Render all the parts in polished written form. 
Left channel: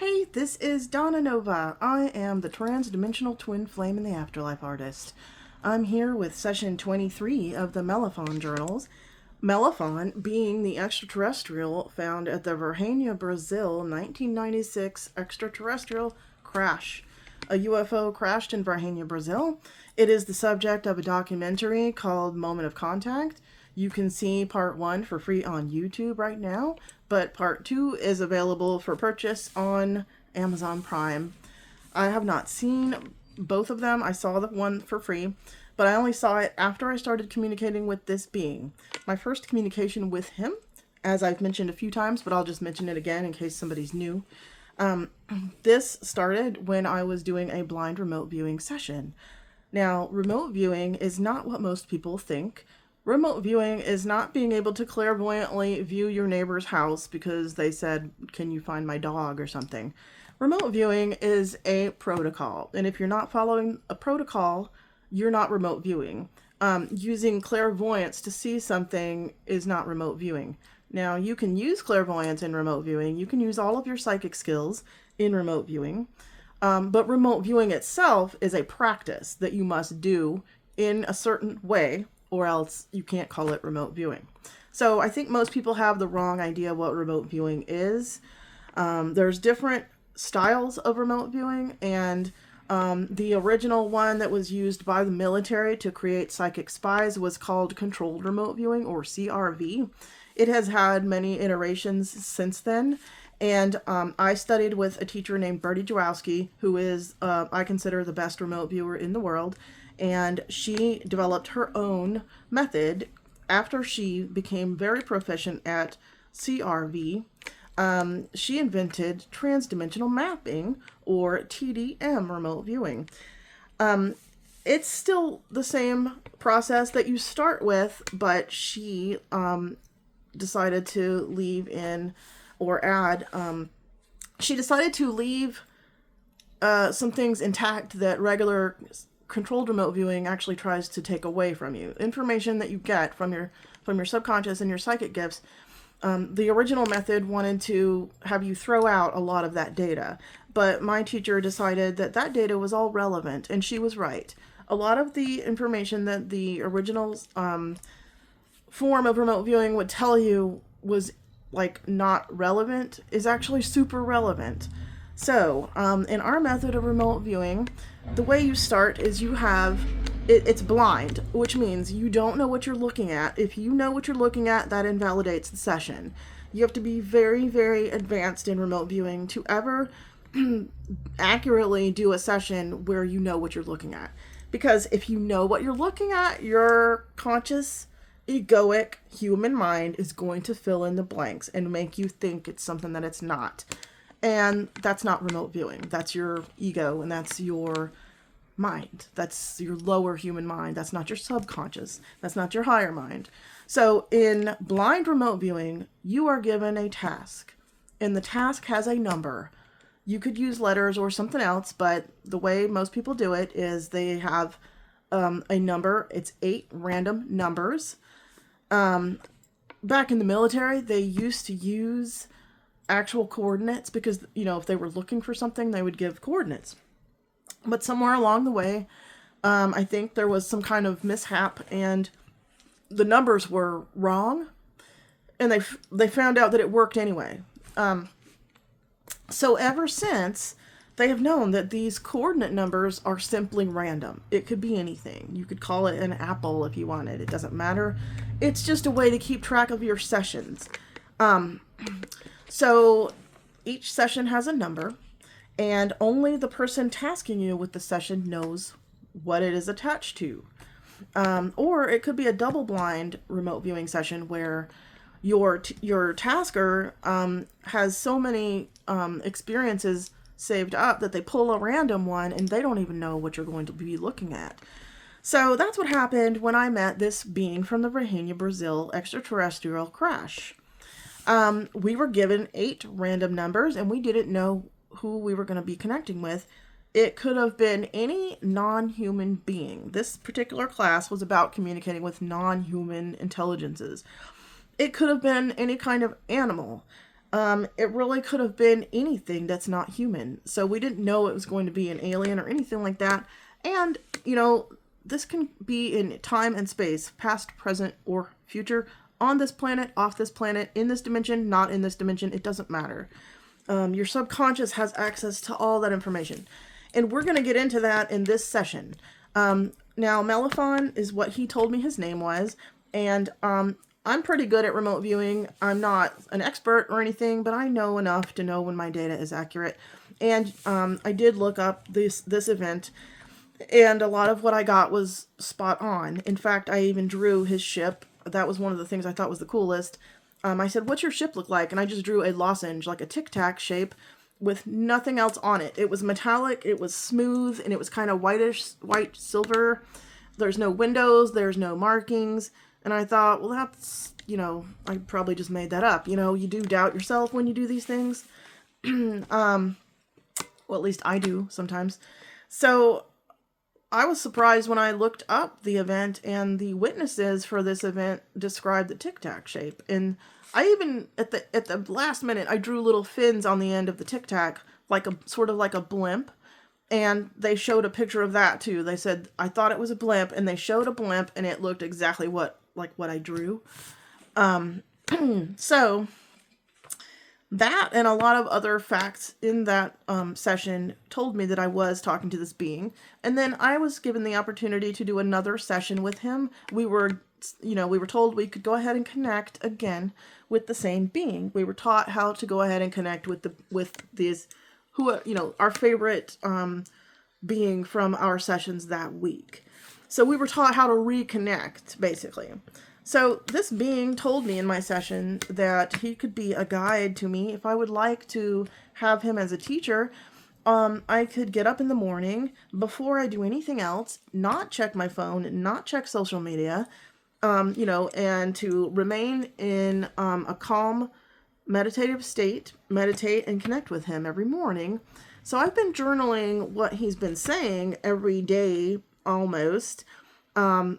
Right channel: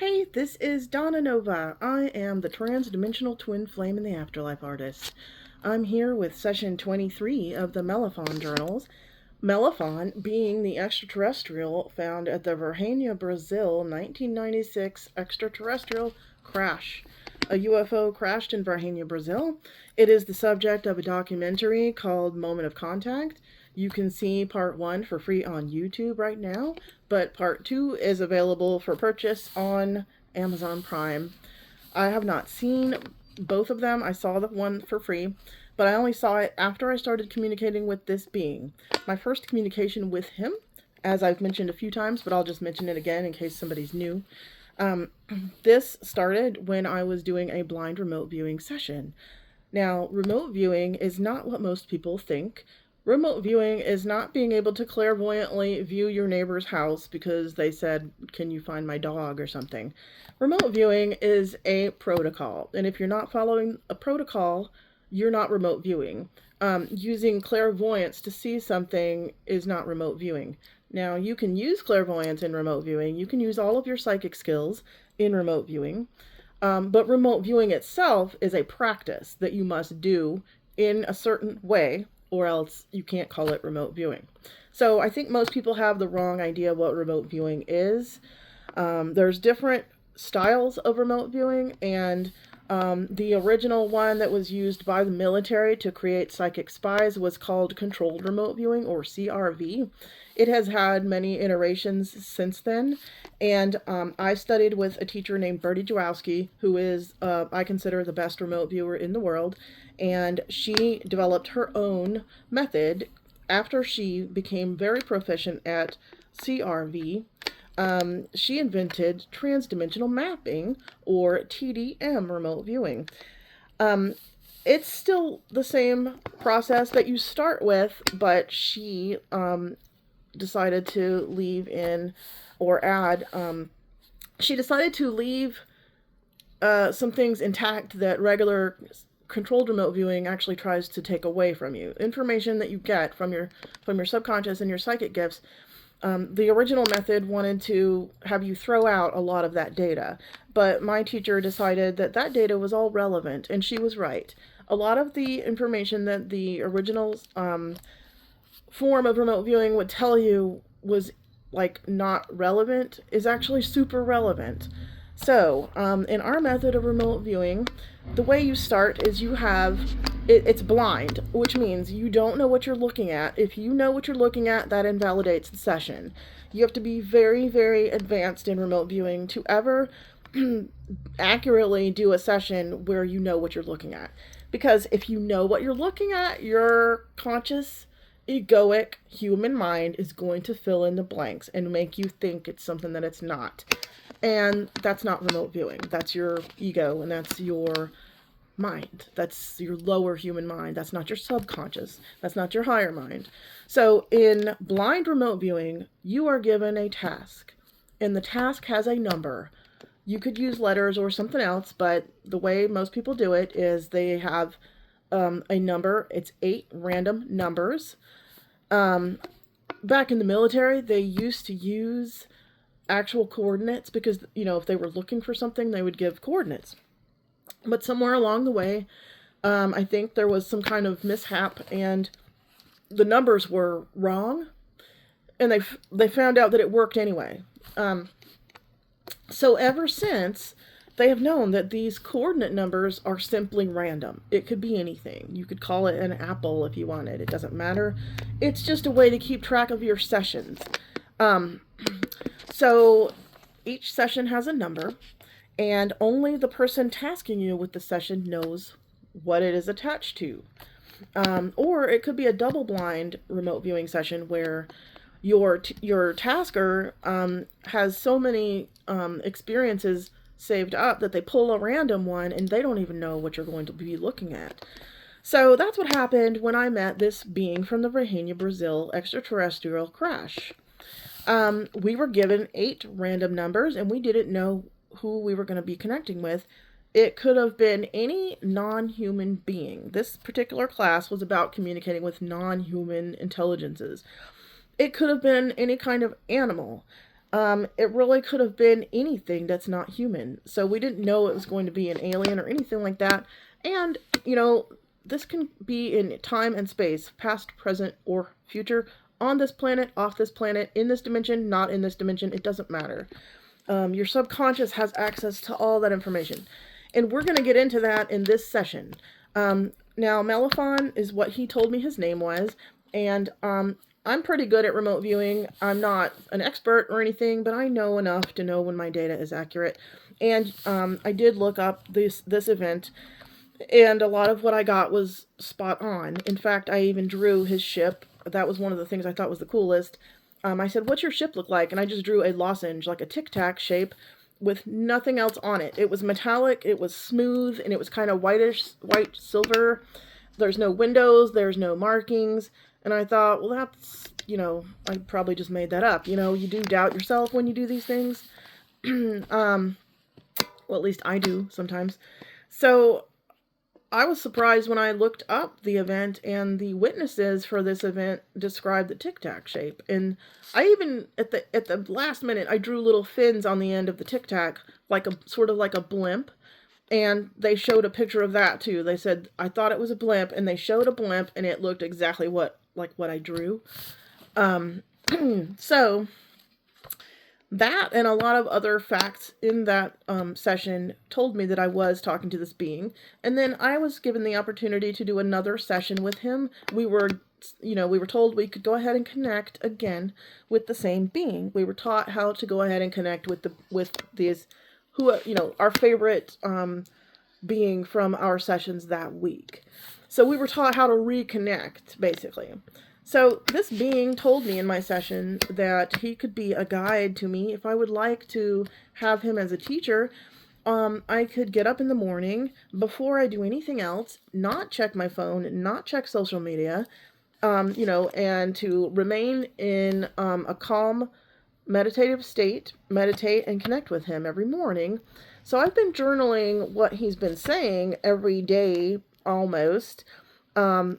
Hey, this is Donna Nova. I am the Transdimensional Twin Flame and the Afterlife Artist. I'm here with session 23 of the Melafon journals. Melafon being the extraterrestrial found at the Virginia, Brazil 1996 extraterrestrial crash. A UFO crashed in Virginia, Brazil. It is the subject of a documentary called Moment of Contact. You can see part 1 for free on YouTube right now, but part 2 is available for purchase on Amazon Prime. I have not seen both of them. I saw the one for free, but I only saw it after I started communicating with this being. My first communication with him, as I've mentioned a few times, but I'll just mention it again in case somebody's new. This started when I was doing a blind remote viewing session. Now, remote viewing is not what most people think. Remote viewing is not being able to clairvoyantly view your neighbor's house because they said, "Can you find my dog?" or something. Remote viewing is a protocol, and if you're not following a protocol, you're not remote viewing. Using clairvoyance to see something is not remote viewing. Now, you can use clairvoyance in remote viewing. You can use all of your psychic skills in remote viewing. But remote viewing itself is a practice that you must do in a certain way, or else you can't call it remote viewing. So I think most people have the wrong idea what remote viewing is. There's different styles of remote viewing, and the original one that was used by the military to create psychic spies was called controlled remote viewing, or CRV. It has had many iterations since then. And I studied with a teacher named Bertie Jawowski, who is, I consider, the best remote viewer in the world. And she developed her own method after she became very proficient at CRV. She invented transdimensional mapping, or TDM remote viewing. It's still the same process that you start with, but she decided to leave in or add, she decided to leave some things intact that regular controlled remote viewing actually tries to take away from you. Information that you get from your subconscious and your psychic gifts. The original method wanted to have you throw out a lot of that data, but my teacher decided that that data was all relevant, and she was right. A lot of the information that the original form of remote viewing would tell you was like not relevant is actually super relevant. So in our method of remote viewing, the way you start is you have it's blind, which means you don't know what you're looking at. If you know what you're looking at, that invalidates the session. You have to be very, very advanced in remote viewing to ever accurately do a session where you know what you're looking at. Because if you know what you're looking at, your conscious egoic human mind is going to fill in the blanks and make you think it's something that it's not. And that's not remote viewing. That's your ego, and that's your mind. That's your lower human mind. That's not your subconscious. That's not your higher mind. So in blind remote viewing, you are given a task, and the task has a number. You could use letters or something else, but the way most people do it is they have a number. It's 8 random numbers. Back in the military, they used to use actual coordinates because, if they were looking for something, they would give coordinates. But somewhere along the way, I think there was some kind of mishap and the numbers were wrong, and they found out that it worked anyway. So ever since, they have known that these coordinate numbers are simply random. It could be anything. You could call it an apple if you wanted. It doesn't matter. It's just a way to keep track of your sessions. So each session has a number, and only the person tasking you with the session knows what it is attached to. Or it could be a double blind remote viewing session where your tasker has so many experiences saved up that they pull a random one and they don't even know what you're going to be looking at. So that's what happened when I met this being from the Virginia, Brazil extraterrestrial crash. We were given 8 random numbers, and we didn't know who we were going to be connecting with. It could have been any non-human being. This particular class was about communicating with non-human intelligences. It could have been any kind of animal. It really could have been anything that's not human. So we didn't know it was going to be an alien or anything like that. And, this can be in time and space, past, present, or future, on this planet, off this planet, in this dimension, not in this dimension. It doesn't matter. Your subconscious has access to all that information. And we're going to get into that in this session. Now, Melafon is what he told me his name was. And I'm pretty good at remote viewing. I'm not an expert or anything, but I know enough to know when my data is accurate. And I did look up this event, and a lot of what I got was spot on. In fact, I even drew his ship. That was one of the things I thought was the coolest. I said, "What's your ship look like?" And I just drew a lozenge, like a tic-tac shape, with nothing else on it. It was metallic, it was smooth, and it was kind of white silver. There's no windows, there's no markings. And I thought, well, that's, I probably just made that up. You do doubt yourself when you do these things. Well, at least I do sometimes. So I was surprised when I looked up the event, and the witnesses for this event described the tic-tac shape. And I even, at the last minute, I drew little fins on the end of the tic-tac, sort of like a blimp. And they showed a picture of that too. They said, I thought it was a blimp, and they showed a blimp, and it looked exactly like what I drew. So that and a lot of other facts in that session told me that I was talking to this being. And then I was given the opportunity to do another session with him. We were told we could go ahead and connect again with the same being. We were taught how to go ahead and connect with these who are, our favorite being from our sessions that week. So we were taught how to reconnect, basically. So this being told me in my session that he could be a guide to me. If I would like to have him as a teacher, I could get up in the morning before I do anything else, not check my phone, not check social media, and to remain in a calm, meditative state, meditate and connect with him every morning. So I've been journaling what he's been saying every day almost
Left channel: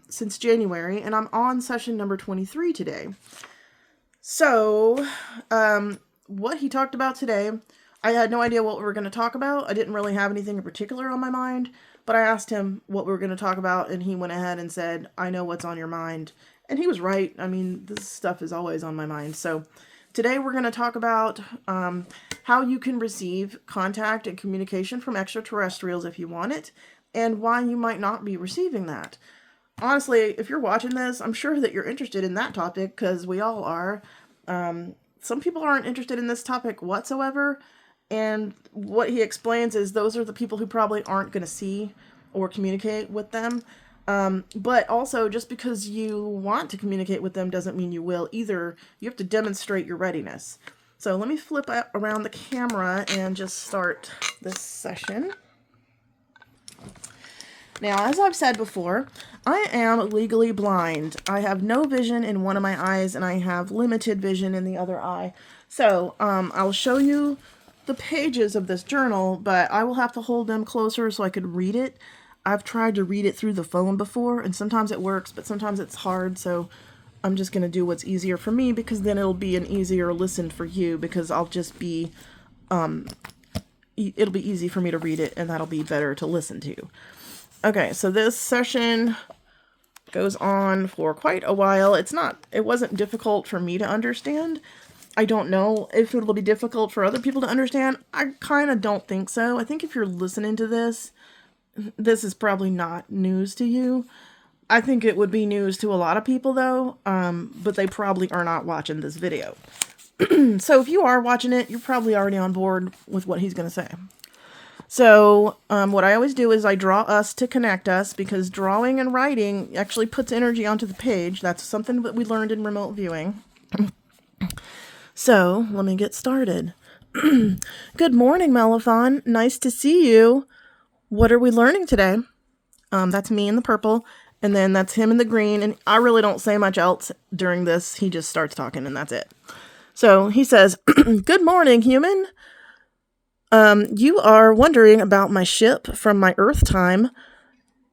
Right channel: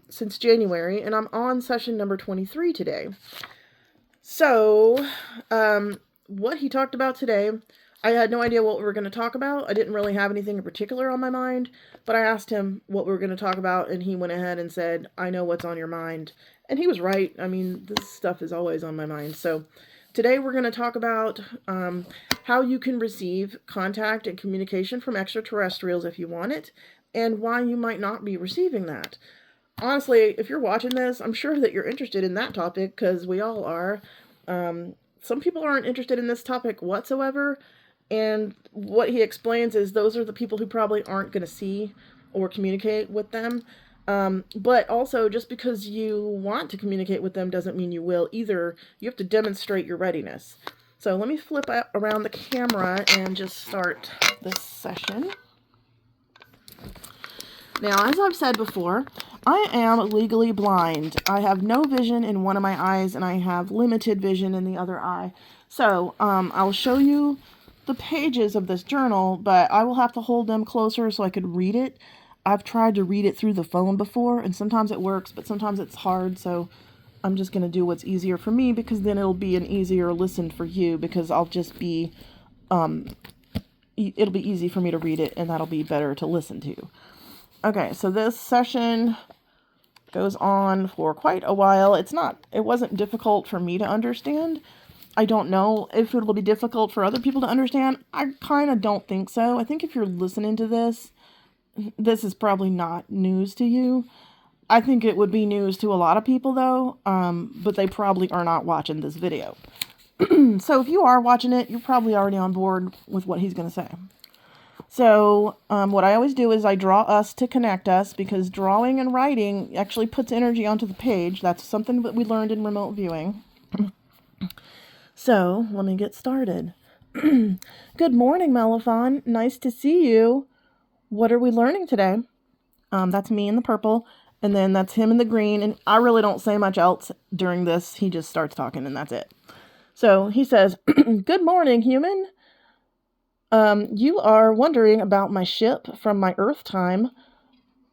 since January, and I'm on session number 23 today. So what he talked about today, I had no idea what we were going to talk about. I didn't really have anything in particular on my mind, but I asked him what we were going to talk about, and he went ahead and said, I know what's on your mind. And he was right. I mean, this stuff is always on my mind. So today we're going to talk about how you can receive contact and communication from extraterrestrials if you want it, and why you might not be receiving that. Honestly, if you're watching this, I'm sure that you're interested in that topic, because we all are. Some people aren't interested in this topic whatsoever, and what he explains is those are the people who probably aren't going to see or communicate with them. But also, just because you want to communicate with them doesn't mean you will either. You have to demonstrate your readiness. So let me flip around the camera and just start this session. Now, as I've said before, I am legally blind. I have no vision in one of my eyes, and I have limited vision in the other eye. So I'll show you the pages of this journal, but I will have to hold them closer so I could read it. I've tried to read it through the phone before, and sometimes it works, but sometimes it's hard, so I'm just going to do what's easier for me, because then it'll be an easier listen for you, because I'll just be, it'll be easy for me to read it, and that'll be better to listen to. Okay, so this session goes on for quite a while. It wasn't difficult for me to understand. I don't know if it will be difficult for other people to understand. I kind of don't think so. I think if you're listening to this is probably not news to you. I think it would be news to a lot of people, though, but they probably are not watching this video. So if you are watching it, you're probably already on board with what he's going to say. So what I always do is I draw us to connect us, because drawing and writing actually puts energy onto the page. That's something that we learned in remote viewing. So let me get started. Good morning, Melafon. Nice to see you. What are we learning today? That's me in the purple, and then that's him in the green, and I really don't say much else during this. He just starts talking, and that's it. So he says, good morning, human. You are wondering about my ship from my Earth time,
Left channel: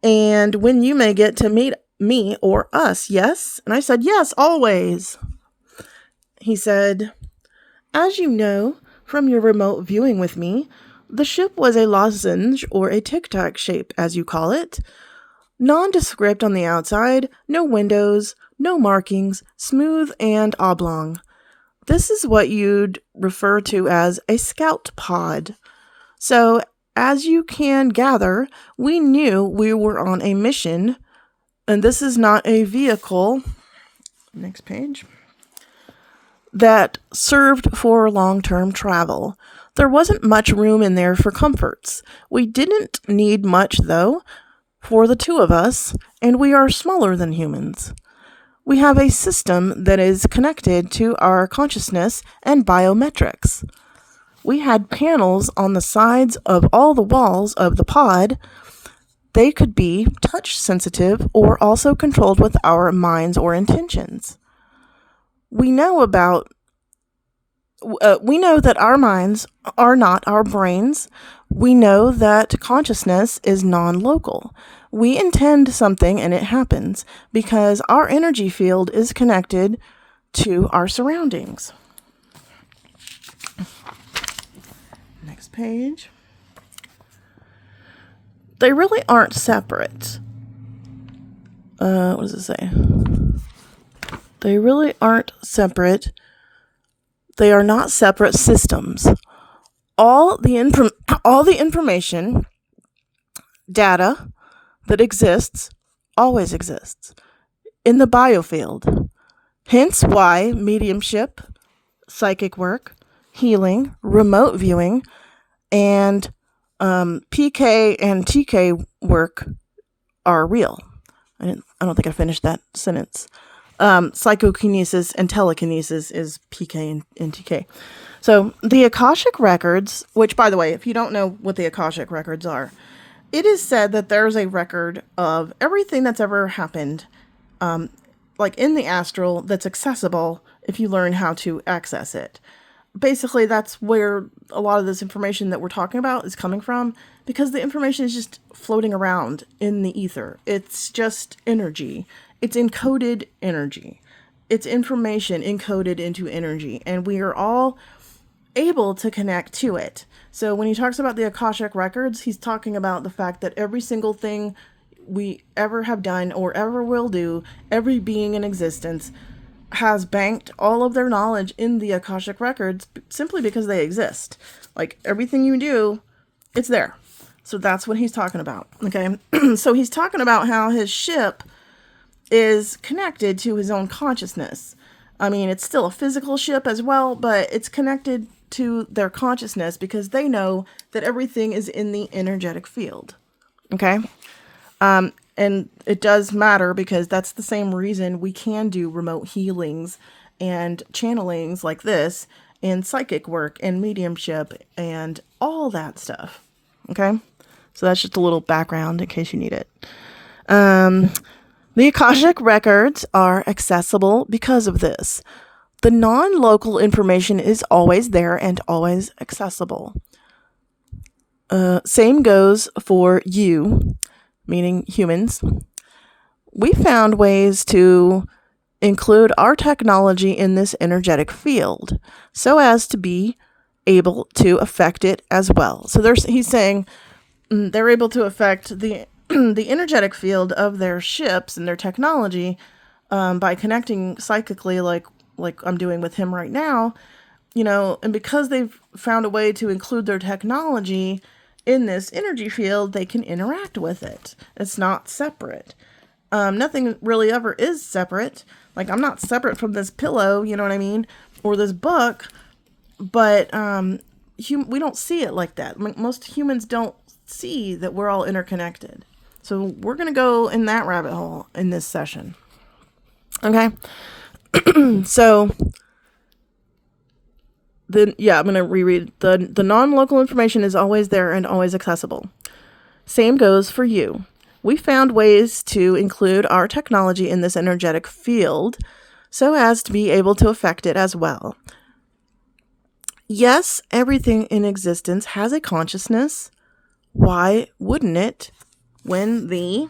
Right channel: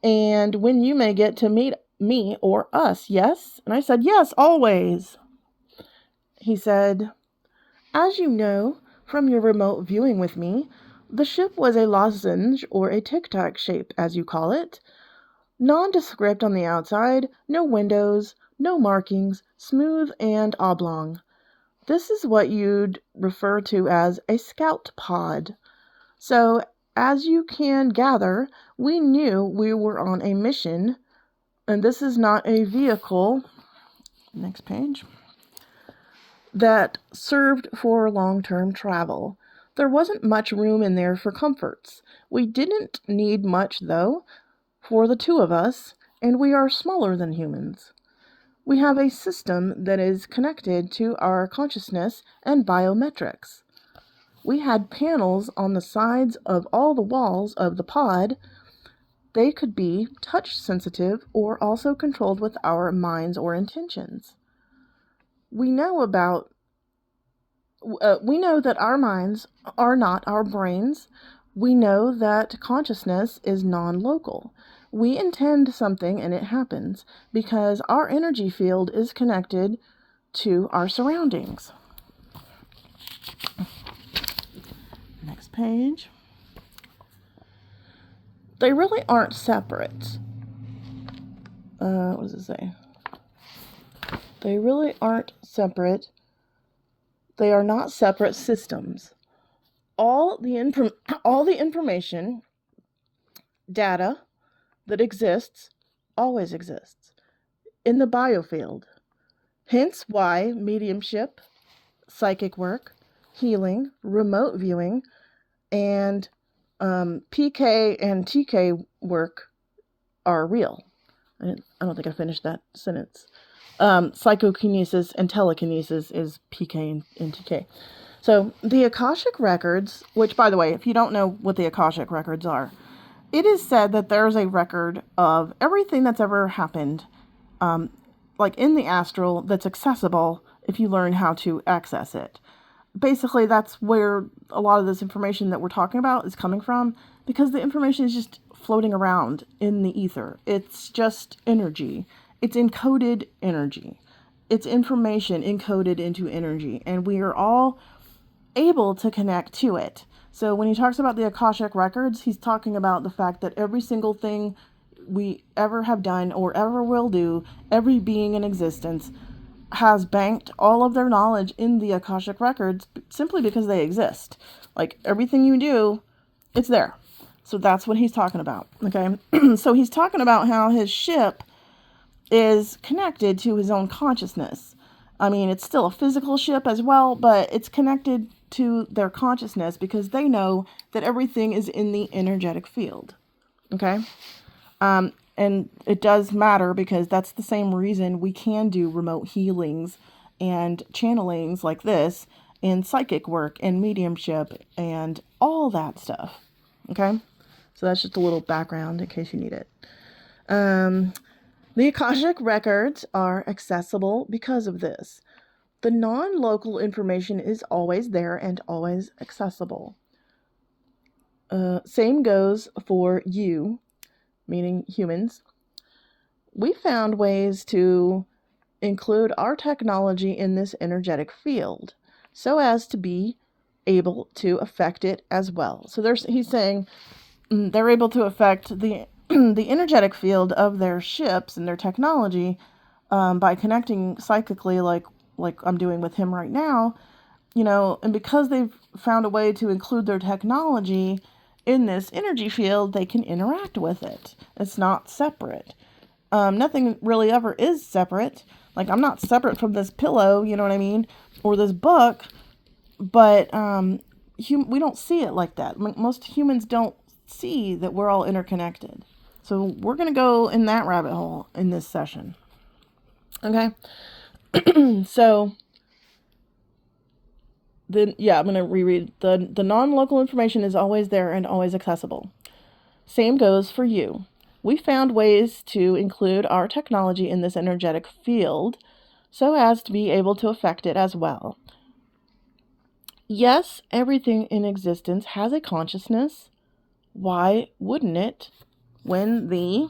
and when you may get to meet me or us, yes? And I said, yes, always. He said, As you know from your remote viewing with me, the ship was a lozenge or a tic-tac shape, as you call it. Nondescript on the outside, no windows, no markings, smooth and oblong. This is what you'd refer to as a scout pod. So, as you can gather, we knew we were on a mission, and this is not a vehicle. Next page. That served for long-term travel. There wasn't much room in there for comforts. We didn't need much, though, for the two of us, and we are smaller than humans. We have a system that is connected to our consciousness and biometrics. We had panels on the sides of all the walls of the pod. They could be touch sensitive or also controlled with our minds or intentions. We know that our minds are not our brains. We know that consciousness is non-local. We intend something and it happens because our energy field is connected to our surroundings. Next page. They really aren't separate. What does it say? They really aren't separate. They are not separate systems. All the information, data that exists, always exists in the biofield. Hence why mediumship, psychic work, healing, remote viewing, and PK and TK work are real. I don't think I finished that sentence. Psychokinesis and telekinesis is PK and TK. So the Akashic records, which, by the way, if you don't know what the Akashic records are, it is said that there's a record of everything that's ever happened, like in the astral, that's accessible if you learn how to access it. Basically, that's where a lot of this information that we're talking about is coming from, because the information is just floating around in the ether. It's just energy. It's encoded energy. It's information encoded into energy, and we are all able to connect to it. So when he talks about the Akashic records, he's talking about the fact that every single thing we ever have done or ever will do, every being in existence, has banked all of their knowledge in the Akashic records simply because they exist. Like everything you do, it's there. So that's what he's talking about. Okay. So he's talking about how his ship is connected to his own consciousness. I mean, it's still a physical ship as well, but it's connected to their consciousness because they know that everything is in the energetic field. Okay. And it does matter because that's the same reason we can do remote healings and channelings like this, and psychic work and mediumship and all that stuff. Okay. So that's just a little background in case you need it. The Akashic records are accessible because of this. The non-local information is always there and always accessible. Same goes for you, meaning humans. We found ways to include our technology in this energetic field so as to be able to affect it as well. So he's saying they're able to affect the energetic field of their ships and their technology by connecting psychically like I'm doing with him right now, and because they've found a way to include their technology in this energy field, they can interact with it. It's not separate. Nothing really ever is separate. Like, I'm not separate from this pillow, you know what I mean? Or this book, but we don't see it like that. Most humans don't see that we're all interconnected. So we're going to go in that rabbit hole in this session. Okay. So I'm going to reread. The non-local information is always there and always accessible. Same goes for you. We found ways to include our technology in this energetic field so as to be able to affect it as well. Yes, everything in existence has a consciousness. Why wouldn't it when the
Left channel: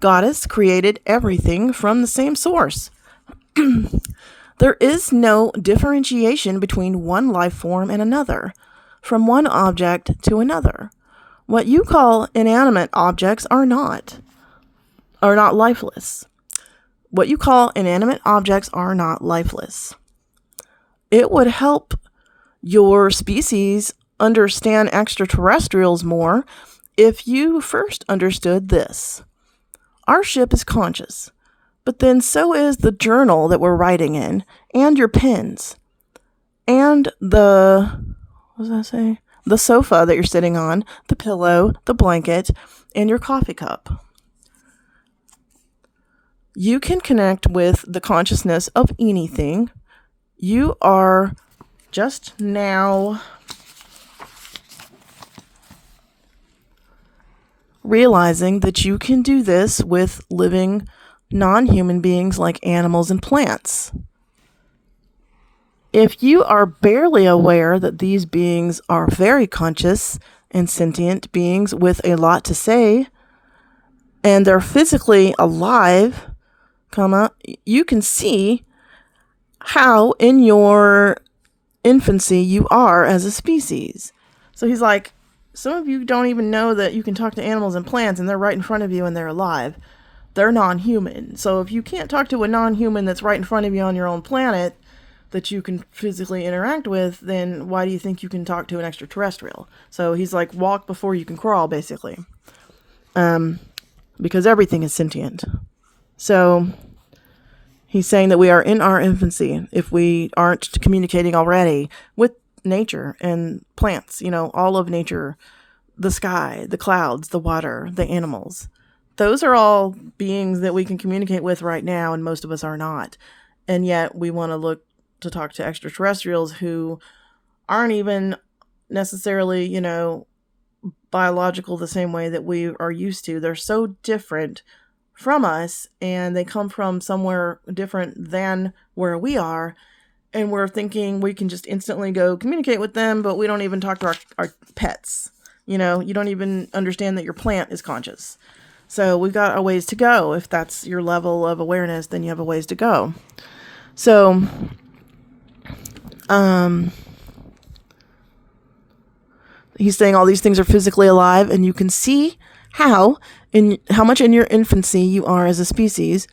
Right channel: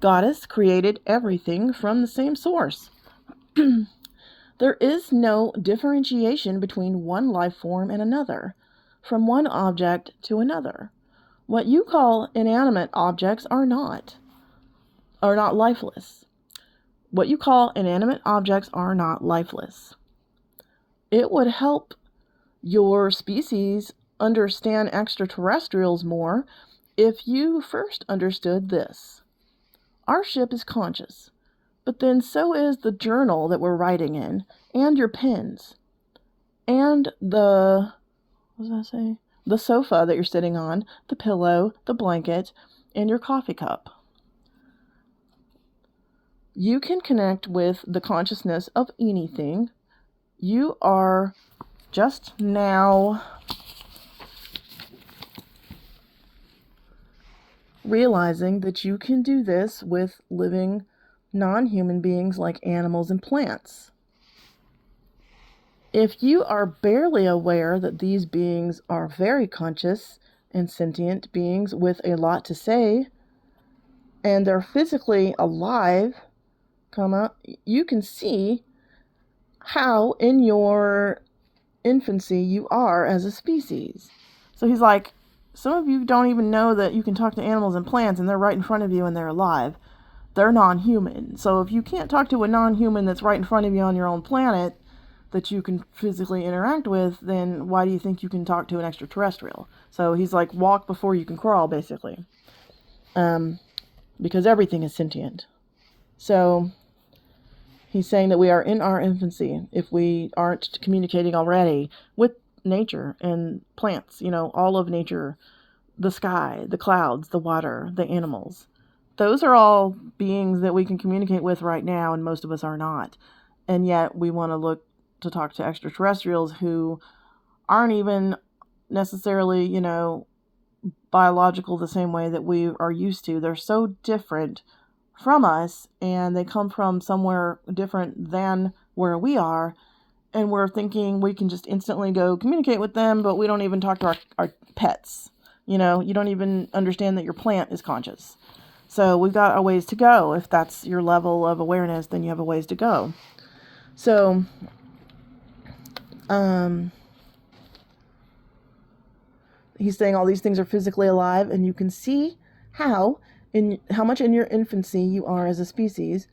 goddess created everything from the same source? The There is no differentiation between one life form and another, from one object to another. What you call inanimate objects are not lifeless. What you call inanimate objects are not lifeless. It would help your species understand extraterrestrials more if you first understood this. Our ship is conscious, but then so is the journal that we're writing in, and your pens, and the sofa that you're sitting on, the pillow, the blanket, and your coffee cup. You can connect with the consciousness of anything. You are just now realizing that you can do this with living non-human beings like animals and plants. If you are barely aware that these beings are very conscious and sentient beings with a lot to say, and they're physically alive, you can see how in your infancy you are as a species. So he's like, some of you don't even know that you can talk to animals and plants, and they're right in front of you and they're alive. They're non-human. So if you can't talk to a non-human that's right in front of you on your own planet that you can physically interact with, then why do you think you can talk to an extraterrestrial? So he's like, walk before you can crawl, basically. Because everything is sentient. So he's saying that we are in our infancy if we aren't communicating already with nature and plants, all of nature, the sky, the clouds, the water, the animals. Those are all beings that we can communicate with right now, and most of us are not. And yet we want to look to talk to extraterrestrials who aren't even necessarily, biological the same way that we are used to. They're so different from us, and they come from somewhere different than where we are, and we're thinking we can just instantly go communicate with them, but we don't even talk to our pets. You don't even understand that your plant is conscious. So we've got a ways to go. If that's your level of awareness, then you have a ways to go. So he's saying all these things are physically alive, and you can see how much in your infancy you are as a species.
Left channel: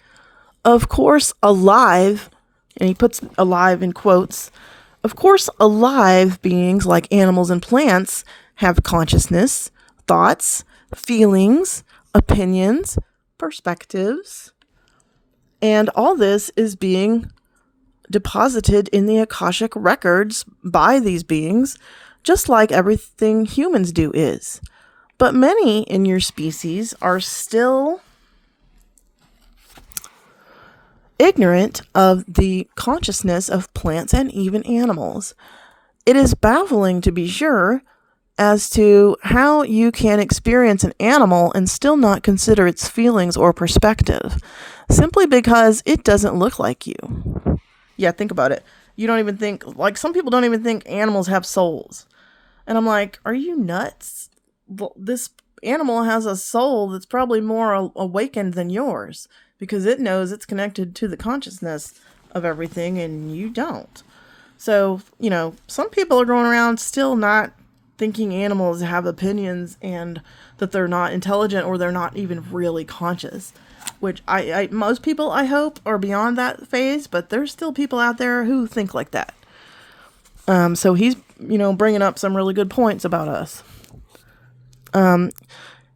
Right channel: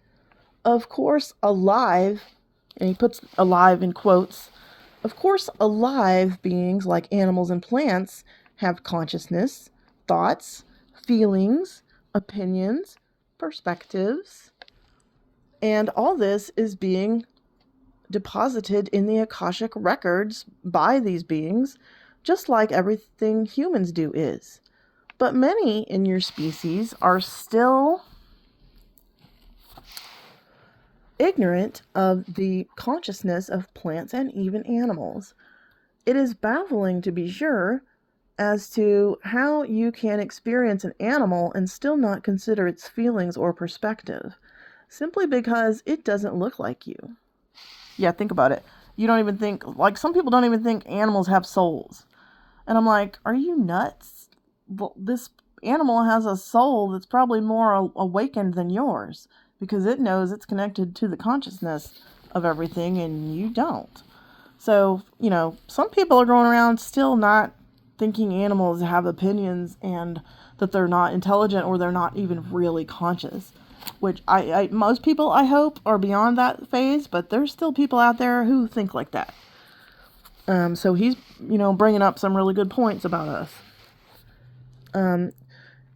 Of course, alive, and he puts alive in quotes, of course, alive beings like animals and plants have consciousness, thoughts, feelings, opinions, perspectives, and all this is being deposited in the Akashic records by these beings, just like everything humans do is. But many in your species are still ignorant of the consciousness of plants and even animals. It is baffling, to be sure, as to how you can experience an animal and still not consider its feelings or perspective, simply because it doesn't look like you. Yeah, think about it. You don't even think, some people don't even think animals have souls. And I'm like, are you nuts? This animal has a soul that's probably more awakened than yours, because it knows it's connected to the consciousness of everything, and you don't. So, some people are going around still not thinking animals have opinions and that they're not intelligent or they're not even really conscious, which most people, I hope, are beyond that phase, but there's still people out there who think like that. So he's, bringing up some really good points about us.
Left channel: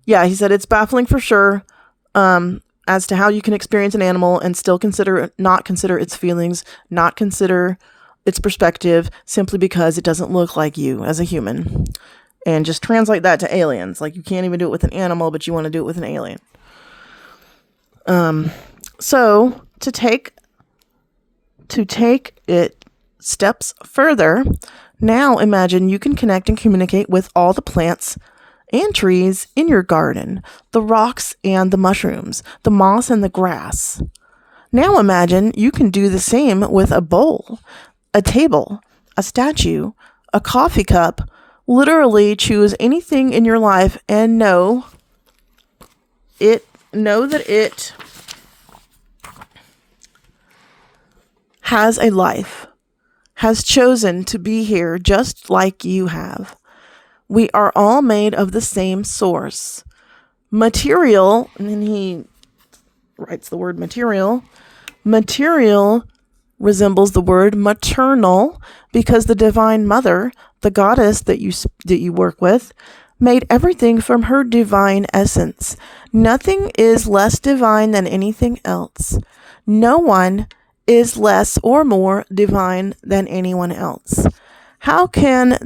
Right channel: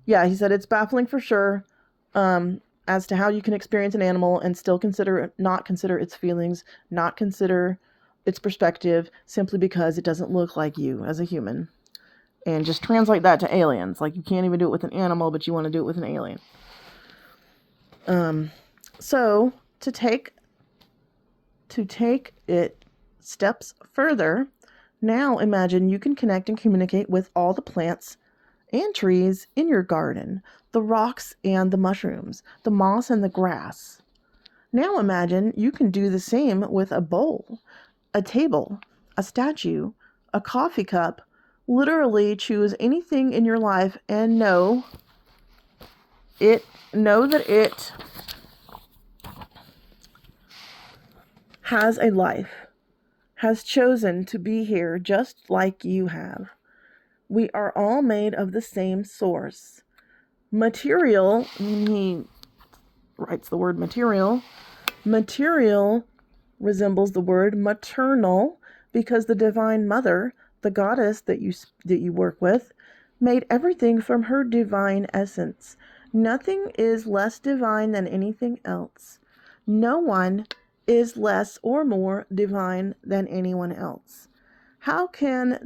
He said it's baffling for sure, as to how you can experience an animal and still not consider its feelings, not consider its perspective, simply because it doesn't look like you as a human. And just translate that to aliens. Like, you can't even do it with an animal, but you want to do it with an alien. So to take it steps further, now imagine you can connect and communicate with all the plants and trees in your garden, the rocks and the mushrooms, the moss and the grass. Now imagine you can do the same with a bowl, a table, a statue, a coffee cup. Literally choose anything in your life and know that it has a life, has chosen to be here just like you have. We are all made of the same source. Material, and then he writes the word material. Material resembles the word maternal because the Divine Mother, the goddess that you work with, made everything from her divine essence. Nothing is less divine than anything else. No one is less or more divine than anyone else. How can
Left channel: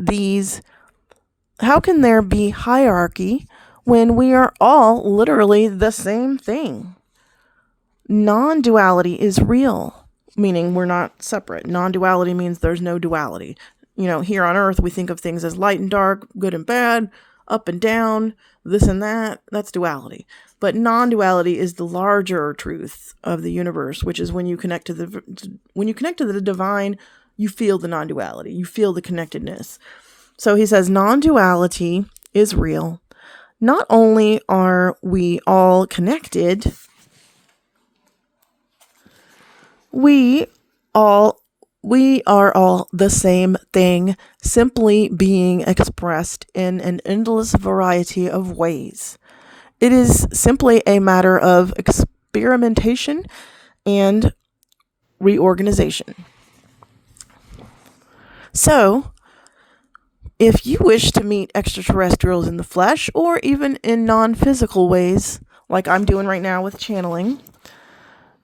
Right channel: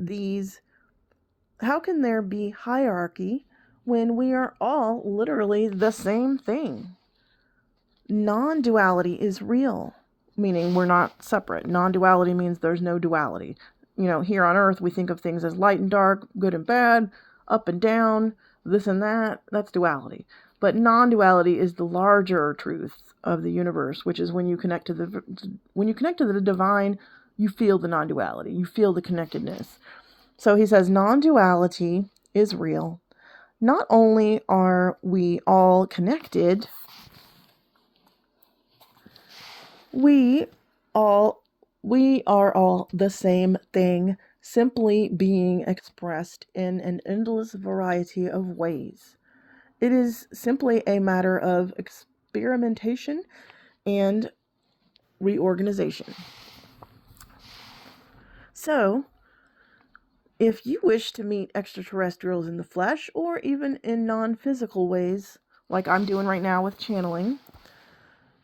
there be hierarchy when we are all literally the same thing? Non-duality is real, meaning we're not separate. Non-duality means there's no duality. Here on Earth, we think of things as light and dark, good and bad, up and down, this and that. That's duality. But non-duality is the larger truth of the universe, which is when you connect to the divine, you feel the non-duality, you feel the connectedness. So he says non-duality is real. Not only are we all connected, we are all the same thing, simply being expressed in an endless variety of ways. It is simply a matter of experimentation and reorganization. So, if you wish to meet extraterrestrials in the flesh or even in non-physical ways, like I'm doing right now with channeling,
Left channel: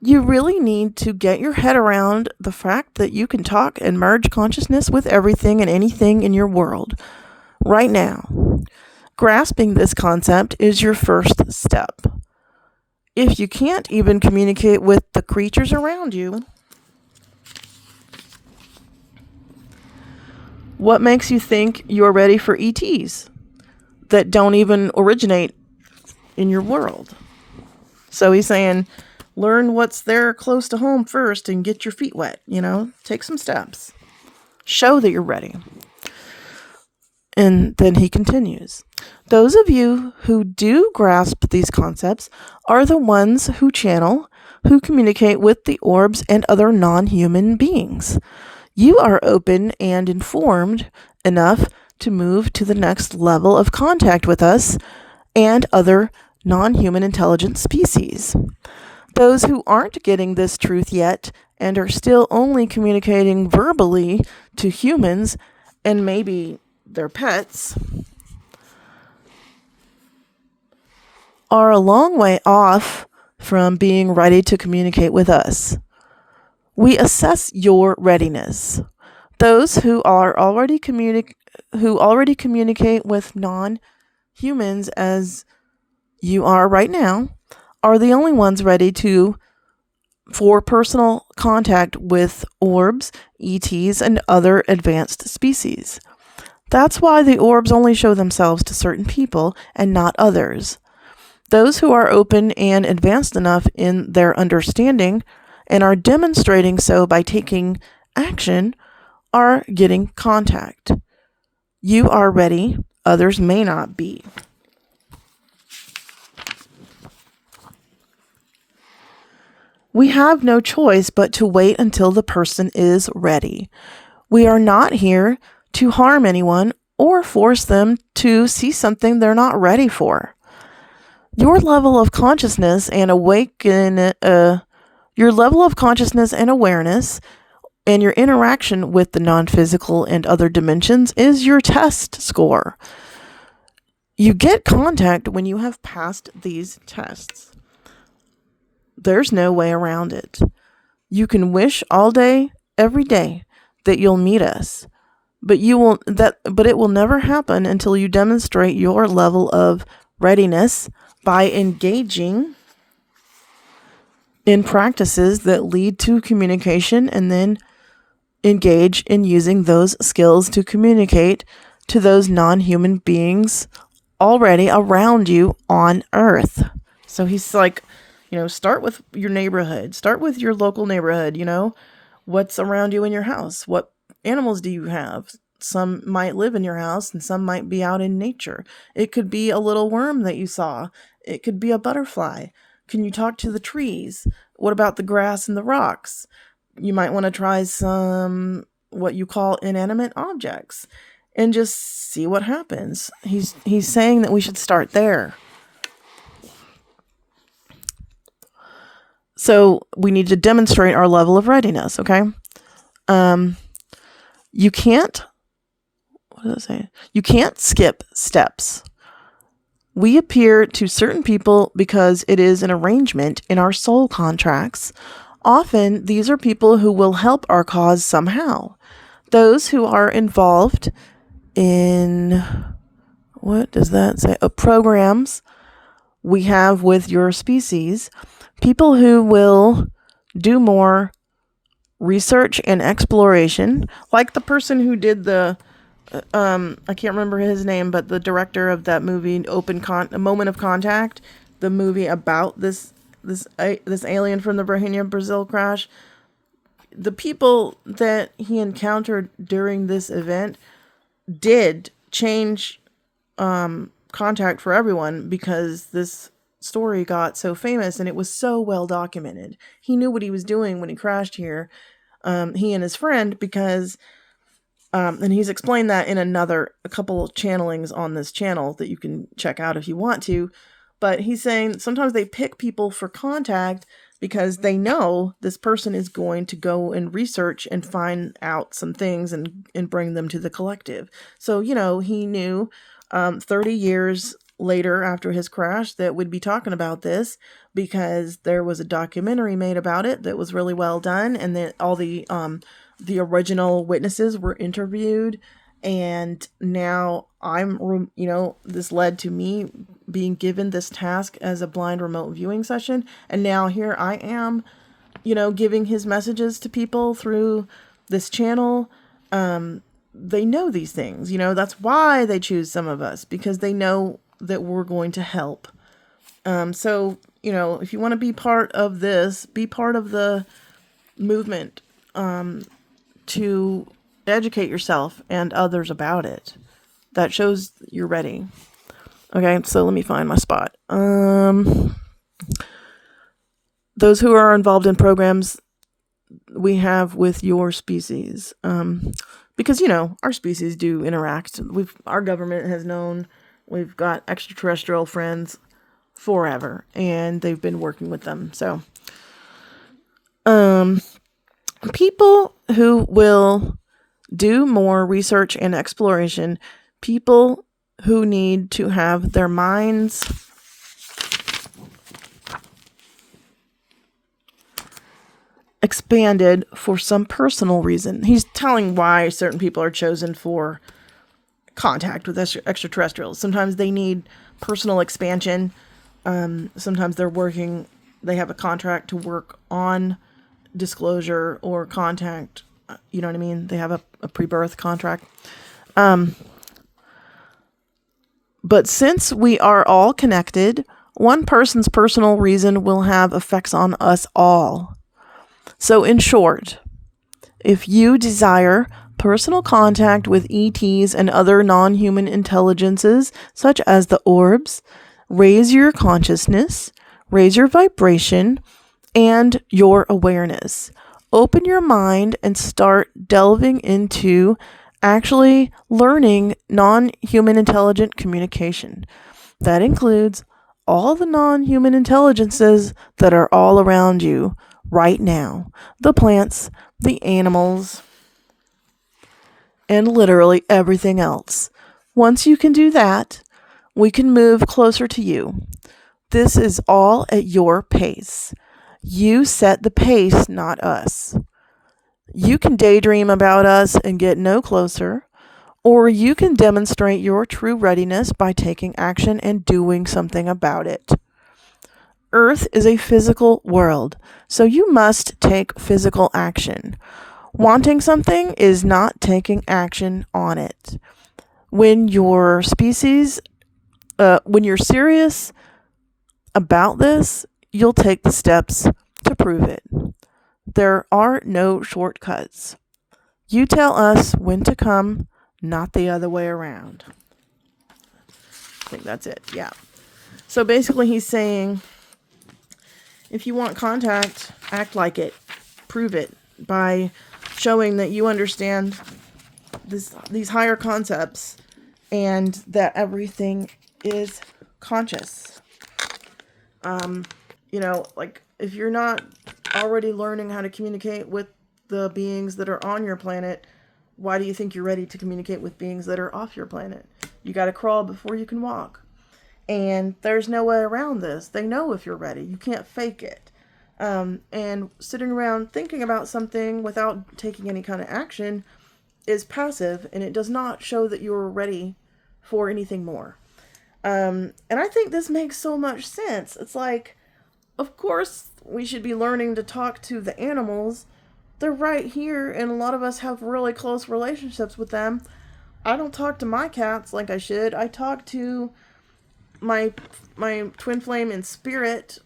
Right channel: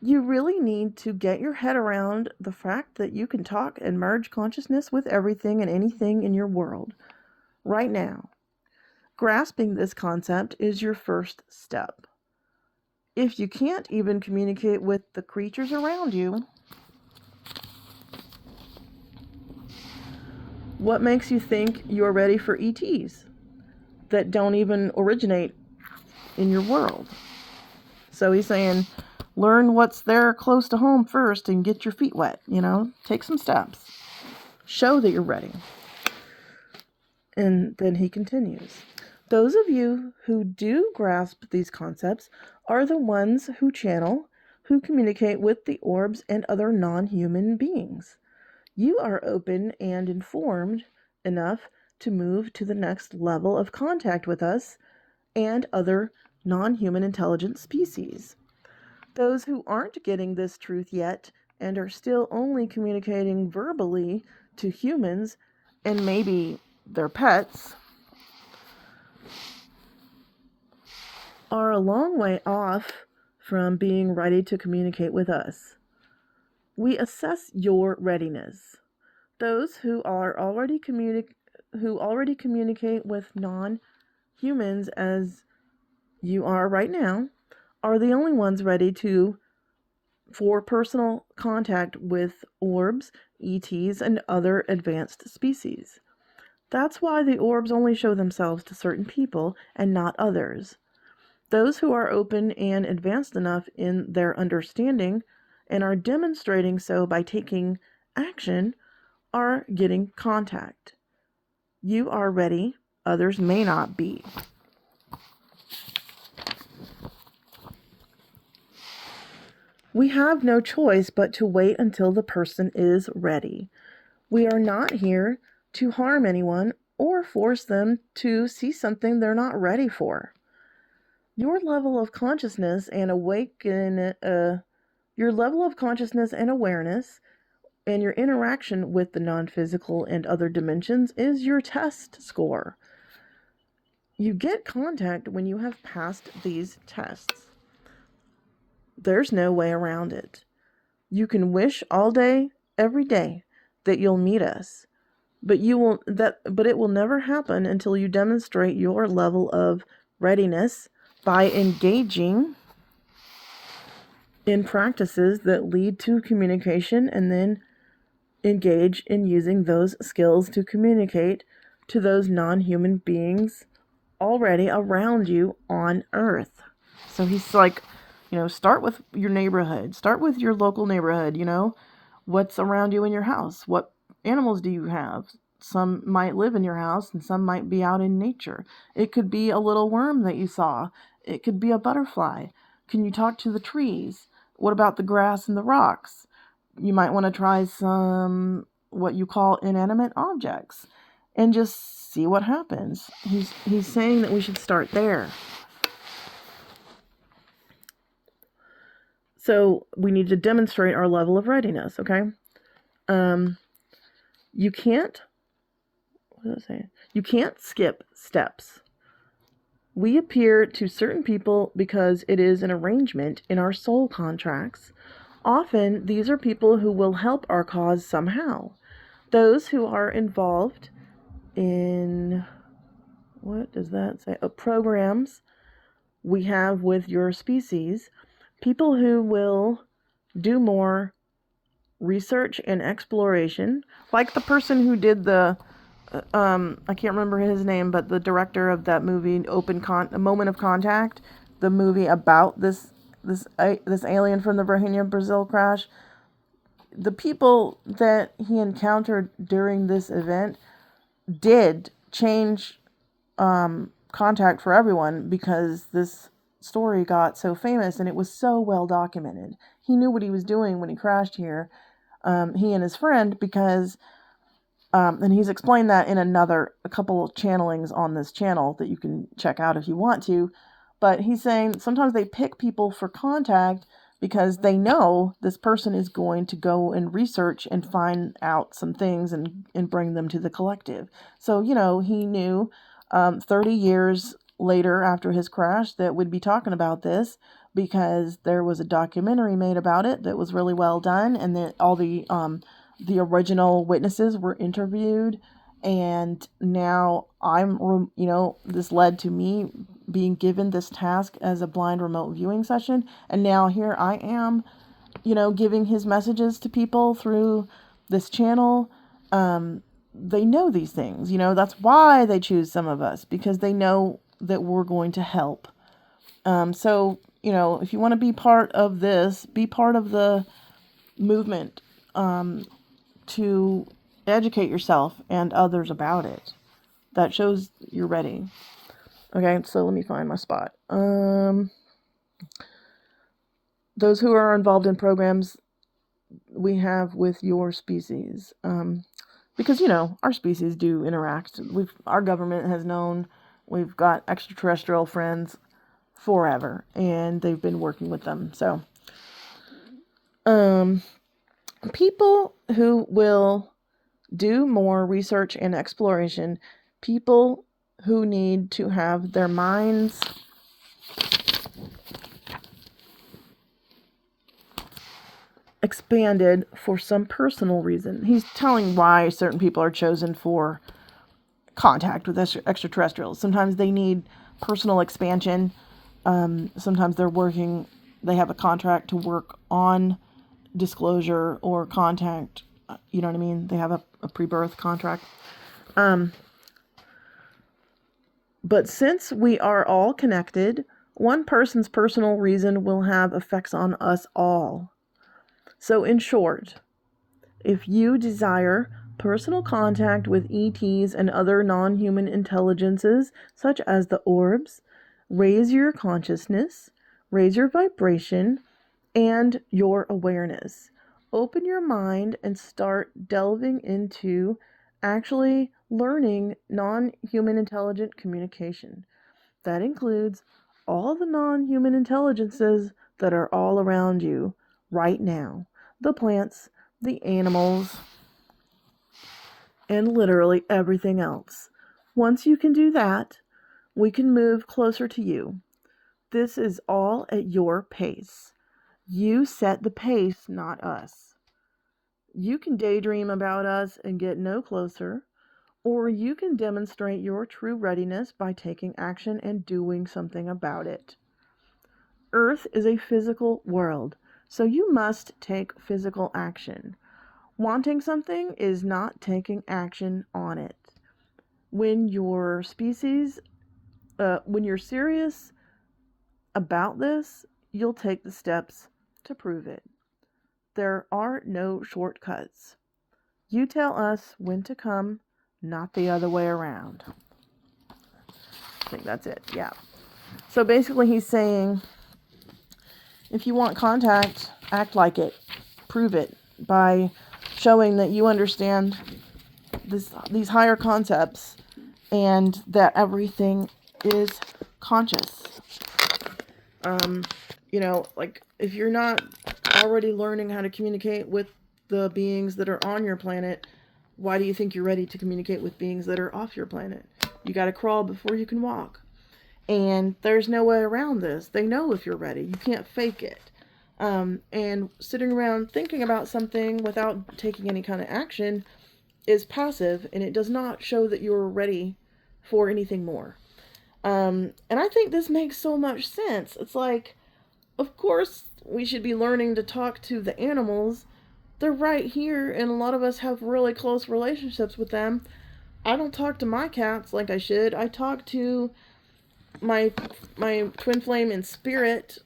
you really need to get your head around the fact that you can talk and merge consciousness with everything and anything in your world right now. Grasping this concept is your first step. If you can't even communicate with the creatures around you, what makes you think you're ready for ETs that don't even originate in your world? So he's saying, learn what's there close to home first and get your feet wet, take some steps. Show that you're ready. And then he continues. Those of you who do grasp these concepts are the ones who channel, who communicate with the orbs and other non-human beings. You are open and informed enough to move to the next level of contact with us and other non-human intelligent species. Those who aren't getting this truth yet and are still only communicating verbally to humans and maybe their pets are a long way off from being ready to communicate with us. We assess your readiness. Those who already communicate with non-humans as you are right now are the only ones ready for personal contact with orbs, ETs, and other advanced species. That's why the orbs only show themselves to certain people and not others. Those who are open and advanced enough in their understanding and are demonstrating so by taking action are getting contact. You are ready, others may not be. We have no choice but to wait until the person is ready. We are not here to harm anyone or force them to see something they're not ready for. Your level of consciousness and awareness and your interaction with the non-physical and other dimensions is your test score. You get contact when you have passed these tests. There's no way around it. You can wish all day, every day, that you'll meet us, but it will never happen until you demonstrate your level of readiness by engaging in practices that lead to communication, and then engage in using those skills to communicate to those non-human beings already around you on Earth. So he's like, start with your neighborhood. Start with your local neighborhood. What's around you in your house? What animals do you have? Some might live in your house and some might be out in nature. It could be a little worm that you saw. It could be a butterfly. Can you talk to the trees? What about the grass and the rocks? you might want to try some what you call inanimate objects and just see what happens. He's saying that we should start there. So we need to demonstrate our level of readiness, okay? You can't, what does it say? You can't skip steps. We appear to certain people because it is an arrangement in our soul contracts. Often, these are people who will help our cause somehow. Those who are involved in, what does that say? Programs we have with your species. People who will do more research and exploration, like the person who did the, I can't remember his name, but the director of that movie, A Moment of Contact, the movie about this alien from the Brahenia, Brazil crash. The people that he encountered during this event did change contact for everyone because this story got so famous and it was so well documented. He knew what he was doing when he crashed here, he and his friend, because and he's explained that in a couple channelings on this channel that you can check out if you want to. But he's saying sometimes they pick people for contact because they know this person is going to go and research and find out some things and bring them to the collective. So, he knew 30 years later after his crash that we'd be talking about this because there was a documentary made about it that was really well done, and that all the original witnesses were interviewed. And now this led to me being given this task as a blind remote viewing session. And now here I am, giving his messages to people through this channel. They know these things, that's why they choose some of us, because they know that we're going to help. So, if you want to be part of this, be part of the movement, to educate yourself and others about it. That shows you're ready. Okay, so let me find my spot. Those who are involved in programs we have with your species. Because, our species do interact. Our government has known we've got extraterrestrial friends forever, and they've been working with them. So, people who will do more research and exploration, people who need to have their minds expanded for some personal reason. He's telling why certain people are chosen for contact with extraterrestrials. Sometimes they need personal expansion. Sometimes they have a contract to work on disclosure or contact. You know what I mean? They have a pre-birth contract. But since we are all connected, one person's personal reason will have effects on us all. So in short, if you desire personal contact with ETs and other non-human intelligences, such as the orbs, raise your consciousness, raise your vibration, and your awareness. Open your mind and start delving into actually learning non-human intelligent communication. That includes all the non-human intelligences that are all around you right now. The plants, the animals, and literally everything else. Once you can do that, we can move closer to you. This is all at your pace. You set the pace, not us. You can daydream about us and get no closer, or you can demonstrate your true readiness by taking action and doing something about it. Earth is a physical world, so you must take physical action. Wanting something is not taking action on it. When you're serious about this, you'll take the steps to prove it. There are no shortcuts. You tell us when to come, not the other way around. I think that's it. Yeah. So basically he's saying, if you want contact, act like it. Prove it. by showing that you understand these higher concepts and that everything is conscious. Like if you're not already learning how to communicate with the beings that are on your planet, why do you think you're ready to communicate with beings that are off your planet? You got to crawl before you can walk. And there's no way around this. They know if you're ready. You can't fake it. And sitting around thinking about something without taking any kind of action is passive, and it does not show that you're ready for anything more. And I think this makes so much sense. It's like, of course, we should be learning to talk to the animals. They're right here, and a lot of us have really close relationships with them. I don't talk to my cats like I should. I talk to my twin flame in spirit,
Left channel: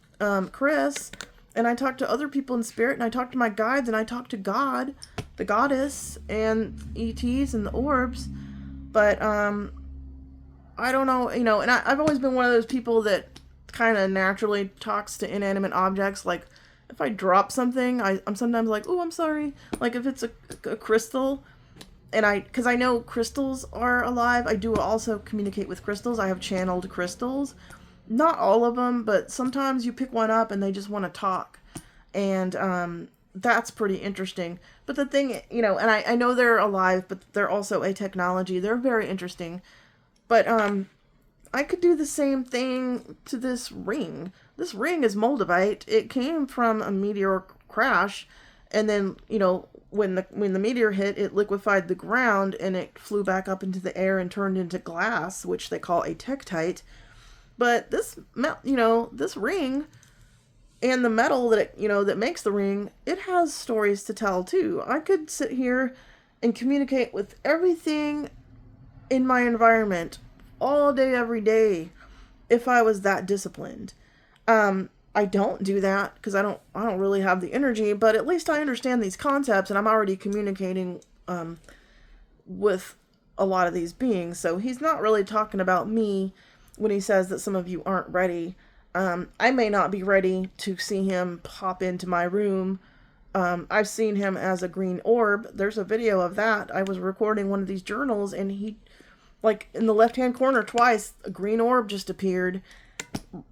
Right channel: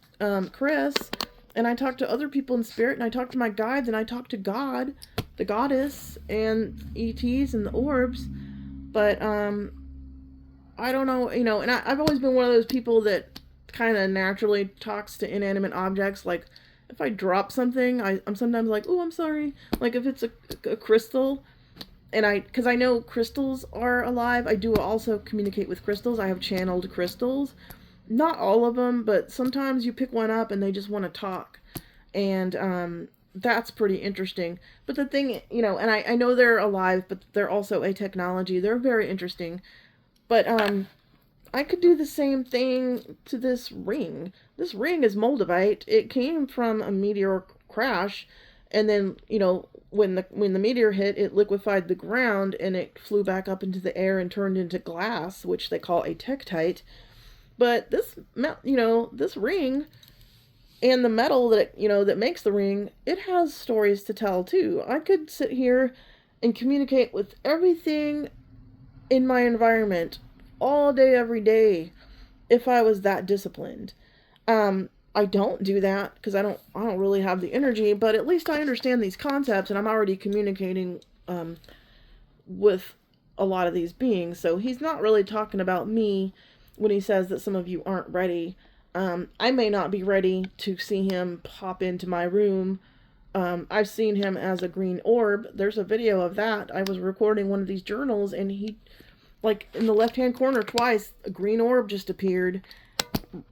Chris, and I talk to other people in spirit, and I talk to my guides, and I talk to God, the goddess, and ETs and the orbs. But I don't know, and I've always been one of those people that kind of naturally talks to inanimate objects. Like if I drop something, I'm sometimes like, oh, I'm sorry. Like if it's a crystal, and because I know crystals are alive, I do also communicate with crystals. I have channeled crystals. Not all of them, but sometimes you pick one up and they just want to talk. And that's pretty interesting. But the thing, and I know they're alive, but they're also a technology. They're very interesting. But I could do the same thing to this ring. This ring is moldavite. It came from a meteor crash, and then, when the meteor hit, it liquefied the ground and it flew back up into the air and turned into glass, which they call a tektite. But this ring and the metal that makes the ring, it has stories to tell too. I could sit here and communicate with everything in my environment all day, every day, if I was that disciplined. I don't do that because I don't really have the energy, but at least I understand these concepts, and I'm already communicating with a lot of these beings. So he's not really talking about me when he says that some of you aren't ready. I may not be ready to see him pop into my room. I've seen him as a green orb. There's a video of that. I was recording one of these journals, and he, like, in the left-hand corner twice, a green orb just appeared.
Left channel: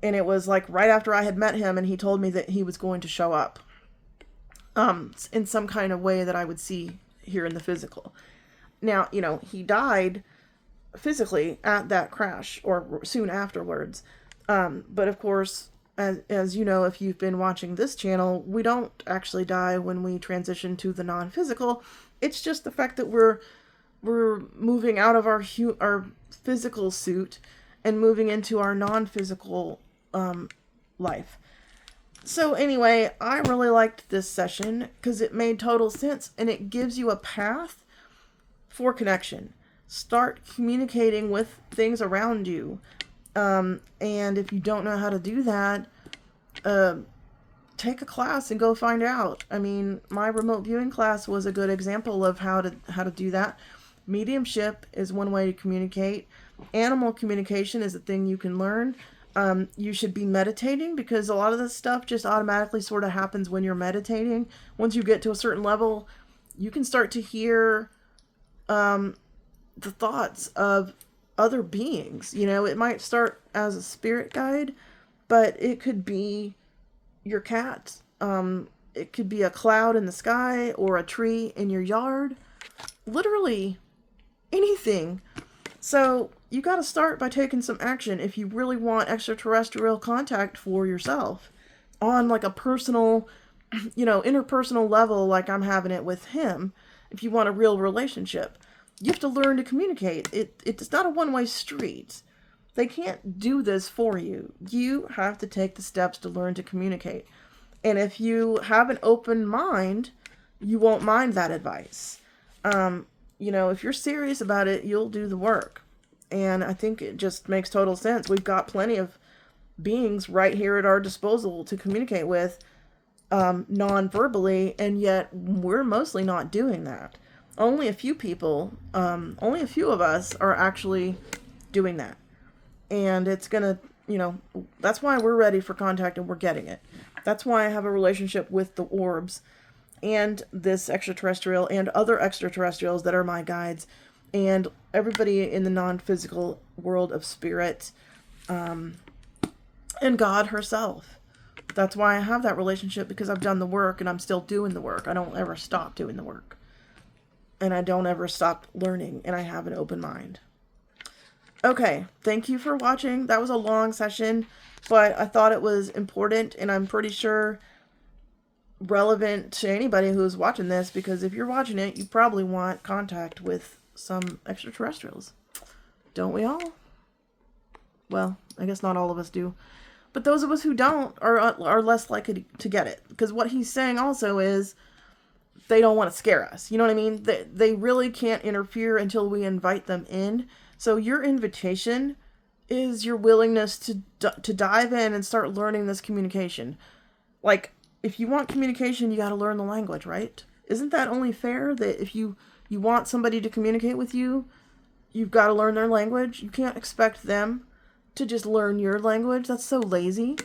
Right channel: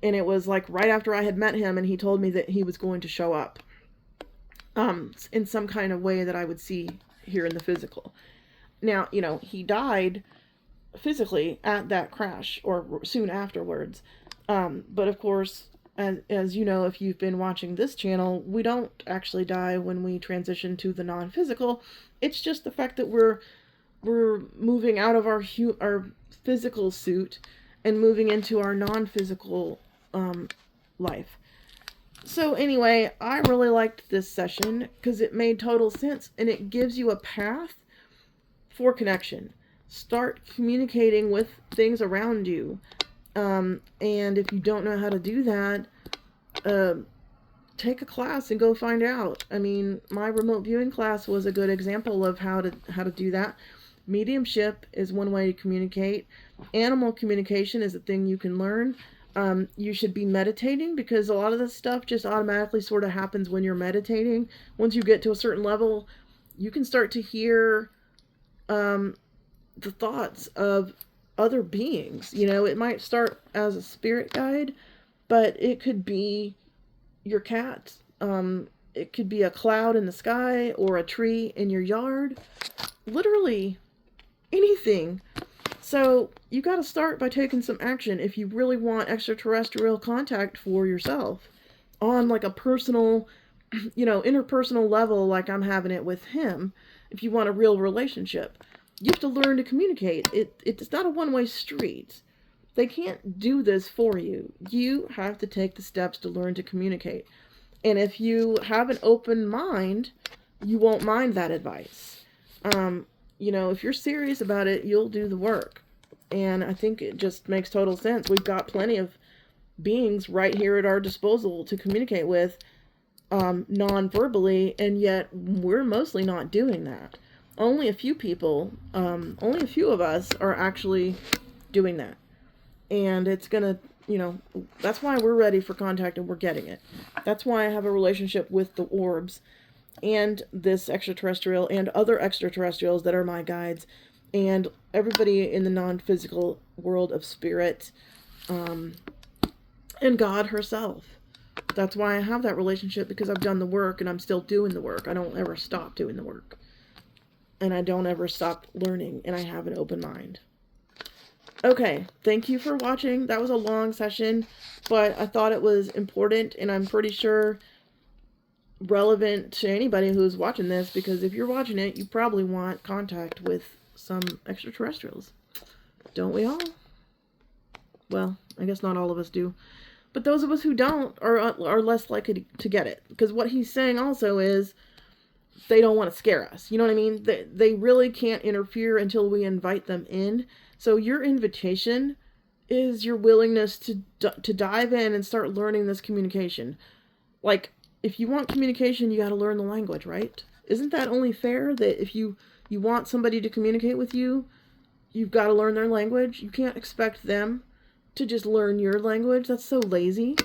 And it was like right after I had met him, and he told me that he was going to show up in some kind of way that I would see here in the physical. Now, he died physically at that crash or soon afterwards. But of course, as you know, if you've been watching this channel, we don't actually die when we transition to the non-physical. It's just the fact that we're moving out of our physical suit and moving into our non-physical life. So anyway, I really liked this session because it made total sense, and it gives you a path for connection. Start communicating with things around you. And if you don't know how to do that, take a class and go find out. I mean, my remote viewing class was a good example of how to do that. Mediumship is one way to communicate. Animal communication is a thing you can learn. You should be meditating, because a lot of this stuff just automatically sort of happens when you're meditating. Once you get to a certain level, you can start to hear the thoughts of other beings. It might start as a spirit guide, but it could be your cat. It could be a cloud in the sky or a tree in your yard. Literally anything. So you got to start by taking some action if you really want extraterrestrial contact for yourself on like a personal, interpersonal level, like I'm having it with him. If you want a real relationship, you have to learn to communicate. It's not a one-way street. They can't do this for you. You have to take the steps to learn to communicate. And if you have an open mind, you won't mind that advice. If you're serious about it, you'll do the work. And I think it just makes total sense. We've got plenty of beings right here at our disposal to communicate with non-verbally, and yet we're mostly not doing that. Only a few people, only a few of us are actually doing that. And it's gonna, that's why we're ready for contact and we're getting it. That's why I have a relationship with the orbs. and this extraterrestrial and other extraterrestrials that are my guides, and everybody in the non-physical world of spirit, and God herself. That's why I have that relationship, because I've done the work and I'm still doing the work. I don't ever stop doing the work. And I don't ever stop learning, and I have an open mind. Okay, thank you for watching. That was a long session, but I thought it was important, and I'm pretty sure relevant to anybody who's watching this, because if you're watching it, you probably want contact with some extraterrestrials. Don't we all? Well, I guess not all of us do. But those of us who don't are less likely to get it. Because what he's saying also is they don't want to scare us. You know what I mean? They really can't interfere until we invite them in. So your invitation is your willingness to dive in and start learning this communication. Like, if you want communication, you got to learn the language, right? Isn't that only fair that if you want somebody to communicate with you, you've got to learn their language? You can't expect them to just learn your language. That's so lazy.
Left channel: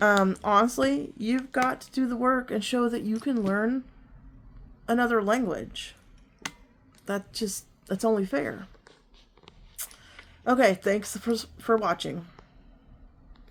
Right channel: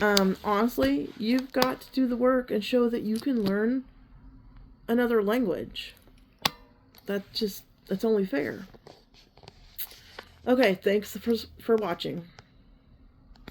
Honestly, you've got to do the work and show that you can learn another language. That's only fair. Okay, thanks for watching.